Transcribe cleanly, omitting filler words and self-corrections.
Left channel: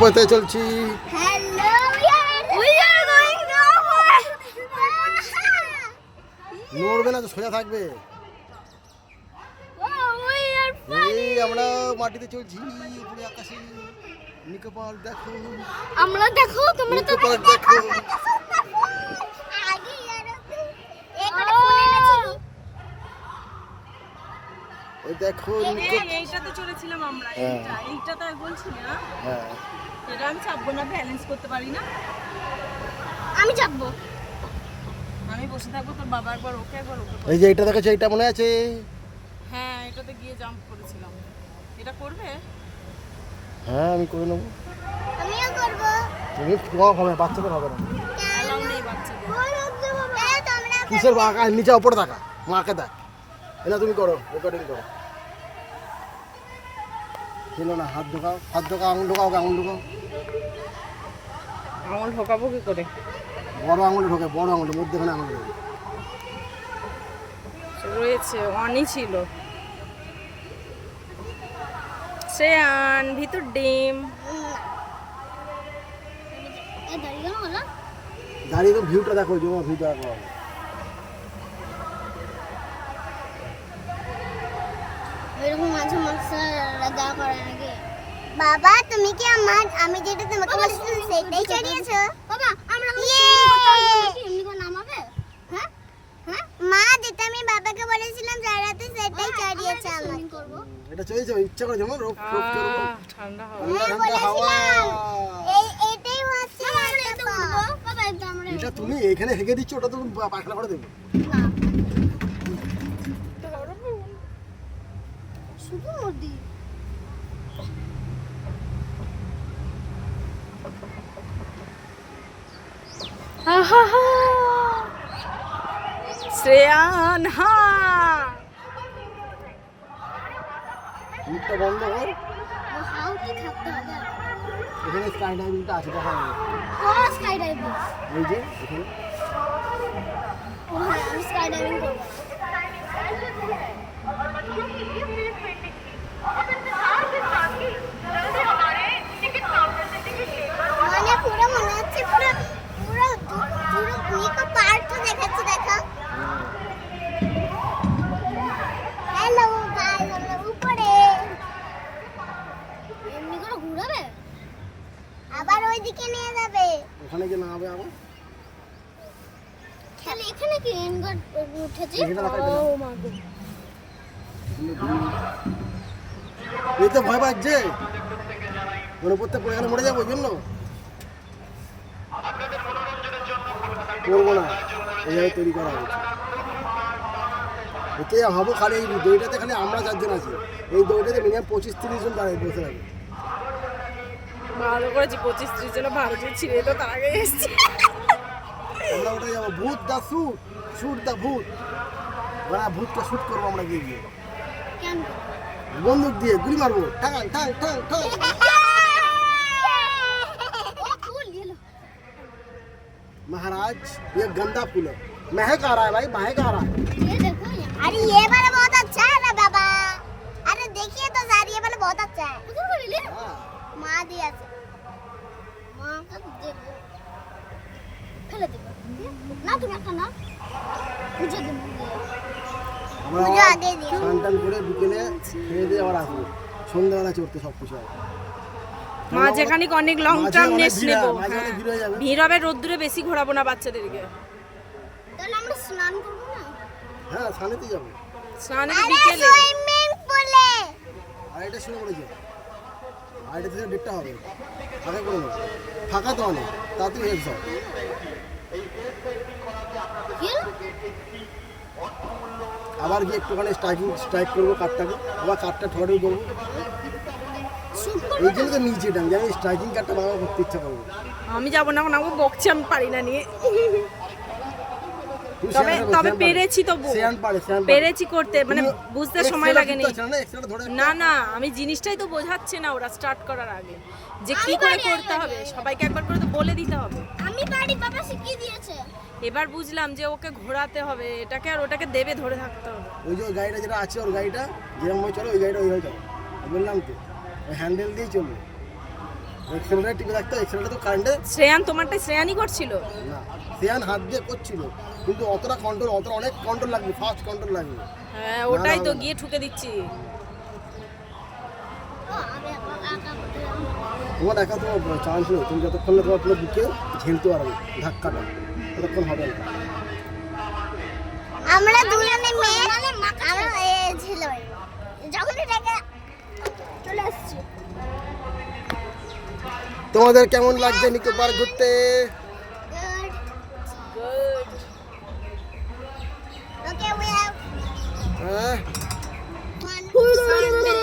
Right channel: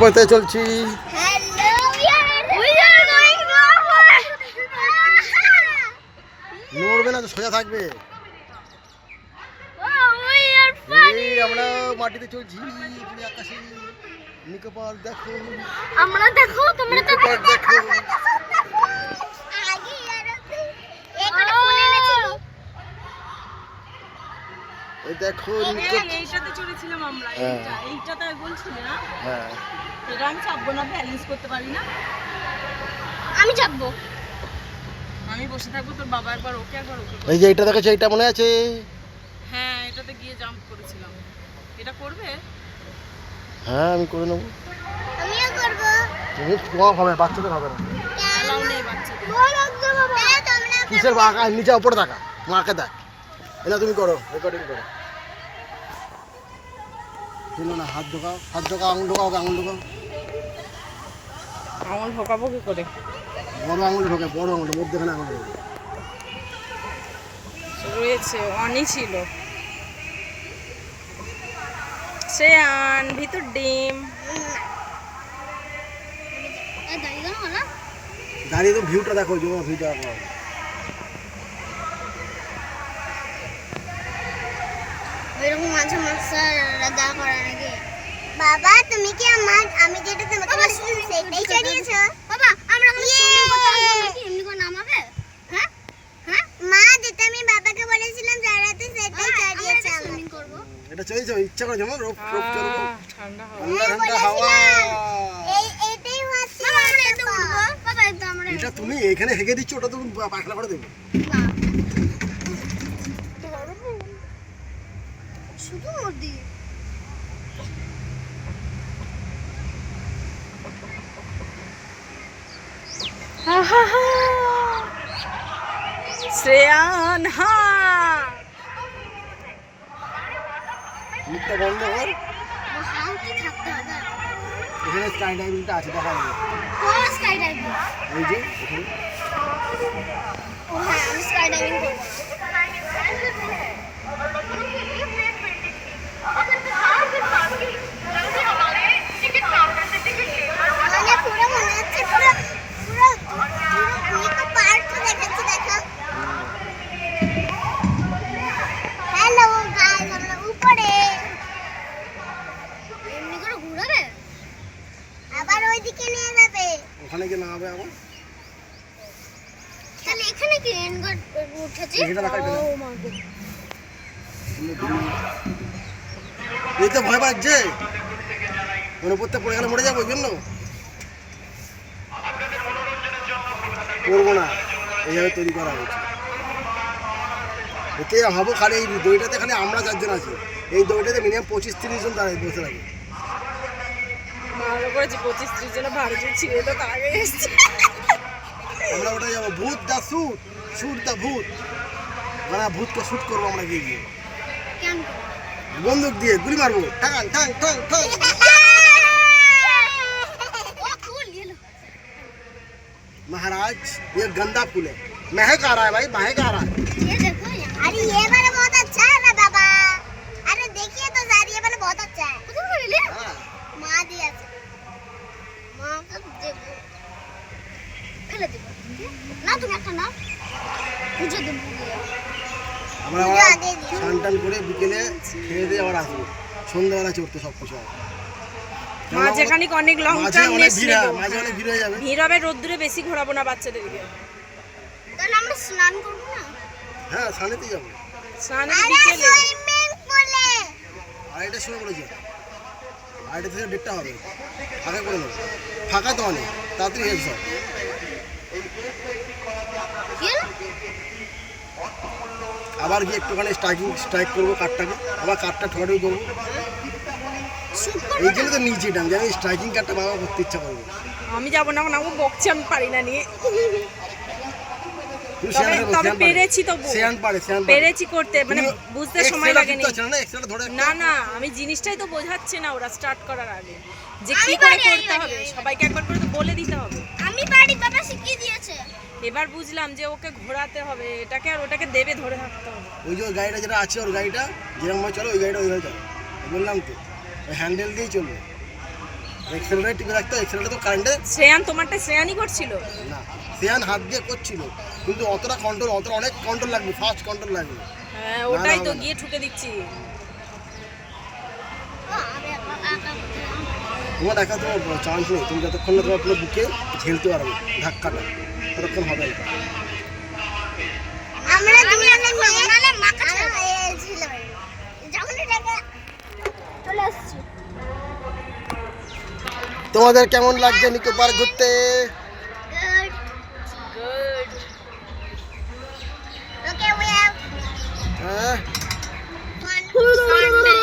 কোথায় চলছি? নড়বে না তো, সোজা থাকবে। এই আমরা মাটিতে চলছি, আকাশে নিকোপাল দেখো, আমরা দেখো, তোমরা তো দেখো। এই দেখো এইটাতে চড়েছিলাম আমরা। এইটাতে বলছিলে না? হ্যাঁ, এটা আমি চাপবো না, ব্যালেন্স করতে পারি না। আমি চাপবো, আমি বসে থাকবো, তোর বাবা একবার ওকে একবার ওকে। এই যে এটা দেখেছো, এটা মনে আছে? হ্যাঁ, এটাতে গিয়ে জাম্প করেছিলাম। এটা করবে? হ্যাঁ, আমি করে নেবো। আমিও করব। তুমি তোমার হবে, বাচ্চাদের হবে না। এলাও নেই বাচ্চাদের। কিসের বাঁকা? নিচে উপরে থাকা মাকে দেখ। এটা তুমি করো, রেকর্ডিং করো। ছিল না, হাত ঢোকাও, হাত ঢোকাও, আঙুল ঢোকাও, আঙুল ঢোকাও। আঙুল ঢোকাবো কি করে? বড় আঙুল ঢোকে, বড় আঙুল মধ্যখানে আঙুল ঢোকে। রয়েছে, অনই ছিল। শ্রেয়ান ভিতর ডিম। দাঁড়িয়ে তো ভিউটা দেখো, জমা ভিউটা দেখো। এরকম মাঝে মাঝে রাজা করে নাকি? বাবা তুমি কি আমি যেটা তোমাকে বলেছিলাম সেটাই চালিয়েছো? বাবা আমরা কোনো সুইমিং করতে আসবো নাকি? এমনি করে নামাবে? হ্যাঁ হ্যাঁ মা যেটা আমি বাবাকে বলেছিলাম জারাতে সেটাই চালিয়েছে। সুইমিং করব। এটা চাইছো ইচ্ছা করে যেমন রোপ রোপ চড়বো, ঠান্ডা হাওয়া। ঠান্ডা ঠান্ডা হাওয়া। এটাই হচ্ছে বাবা আমরা এটা উঠবো। বাবা এটা আমরা এটা তুমি এখানে হেগে দিচ্ছ, ওটা তুমি পাখনা করে দেবে। না শুধু নদী। শ্রেয়ান হা মুখটা বন্ধ কর। হাউ কি থাকতে হবে? এখানে স্কাই ডাইভিংটা আছে, দেখা যাবে। কোন স্কাই ডাইভিং? এই যে এখানে ও হ্যাঁ আমি স্কাই ডাইভিং করব। মানে পুরো মনে হচ্ছে পুরো পুরো পুরো তো পার্ক দেখাচ্ছে, দেখো। হ্যালো গাইস, আমরা উপরে এমনি করে ঘুরাবে, আবার ওইদিকে নিয়ে যাবে। ওখানে গিয়ে নামাবে আবার। তাহলে এখানে কি রেনগট উঠেছে? এটা দেখা ও যাবে। মা গো, এই তো ভয় পাচ্ছে, মনে পড়তে পড়ে গেলে মরে যাবো, ওই জন্য করবো না। এইভাবে তৈরি করা হয়েছে। এতে হবো খালি এই দইটাতে, খালি আমরা 4 জন আছি। এই দইটাতে মিনিমাম 25-30 জন দাঁড়িয়ে বসে থাকে। ভালো করেছি, 25-30 জন ভারত ছিঁড়ে তো তার আগে এসছে। আমরা ওটা যাবো ভূত দা শুট, শুট দা ভূত, মানে ভূতকে শুট করবো আমরা গিয়ে গিয়ে কেন? বন্দুক দিয়ে গুলি মারবো, টাং টাং টাং টাং। ও ফুল গেল। महाराज ये गंदा फूल है, महक आ रहा है भाई, महक आ रहा है। ये देखो यार, अरे ये वाला बहुत अच्छा है ना बाबा। अरे देखिए तो सर ये वाला बहुत अच्छा है। कुछ बोल ले हाँ। मां दिया से मां का देबो ফেলে দেব না, তুমি একটা না বুঝে দেব। আমরা স্নান করে বিকেলে খেয়ে দিয়ে আবার আসবো, সন্ধ্যাবেলা চড়তে সব কিছু হবে। মাঝে খানিক অনেক লং টার্ম নেক্সট নেবো। মাঝে অনেক ভিড় হয়ে যাবে। ভিড় হবে, রোদ্দুরে বেশি ঘোরাবো না বাচ্চাদেরকে। তাহলে আমরা স্নান করব না? হ্যাঁ, স্নানেতে যাবো। স্নানে আরে বিকেলে। সুইমিং পুলে। আড়াইটার সময় বলেছি, 2:30 থেকে 1:30 হবে, আগে করে নেবো। ফাঁকা তো অনেক, তাড়াতাড়ি হয়ে সব। কি আবার গিয়ে একটুখানি স্ট্রাইক করবো কাঠটাকে, আবার কাঠটা ঠোকাঠুকি করবো। শুট এই জন্য তো নিচে এটা আমি জানি, স্ট্রাইকিং কাঠটা বাবা করতে ইচ্ছা করবো। আমি যাবো না, ও বকছি, আমি পারি না নিয়ে। তুই তবে সেয়ান তবে পারে, পেরেছি, তবু সেয়ান পারে, সেয়ান পারে। পেরেছি করতে, মানে বুঝতে সময় লাগেনি। ধরে না না, আমি জিনিসটাই তো বোঝাচ্ছে না ওরা স্টার্ট করার আগে, যে কি করে করতে হবে। সবাইকে একবার করে তো বলে দিতে হবে। আমি পারি, বাবা শিখিয়ে দিয়েছে। এবার বুঝলাম যে ওকে ঘোরাতে হবে, এটাকে আর ওটাকে দেবে ধরে থাকতে হবে। ওই যে ওই গাড়িটা যেটা আছে, ওর গাড়িটা যেরকম ভাবে চলো, ওই গাড়িটা ওইভাবে চলো। বললাম তো, ওই হ্যান্ডেল দিয়েই চলবে। এক্সেলটা টিপে রাখতে হয়, এক্সেলটা তো কারেন্টে শ্রেয়ান তোমারটা শ্রেয়ানই করছিল? না, শ্রেয়ান হাত দিয়ে করছিল, কিন্তু অতটা কন্ট্রোল, অতটা অনেক কন্ট্রোল লাগবে, ফাস্ট কন্ট্রোল লাগবে। হ্যাঁ ওটাই তো, হবে না। গিয়ে ঠুকে দিচ্ছি। তোমার একা তোমার চান্স নেই, তুমি যতক্ষণ না তোমার পুরো বুকে ঝেলতে পারবে ধাক্কাটা, ততক্ষণ হবে না। আমরা দুজনে মিলে মাকা ছিল যখন এটাকে চলে আসছে। তোমাদের কেমন লাগছে নিকো পার্ক ঘুরতে? গুড। Okay, we have হ্যাঁ one Sunday.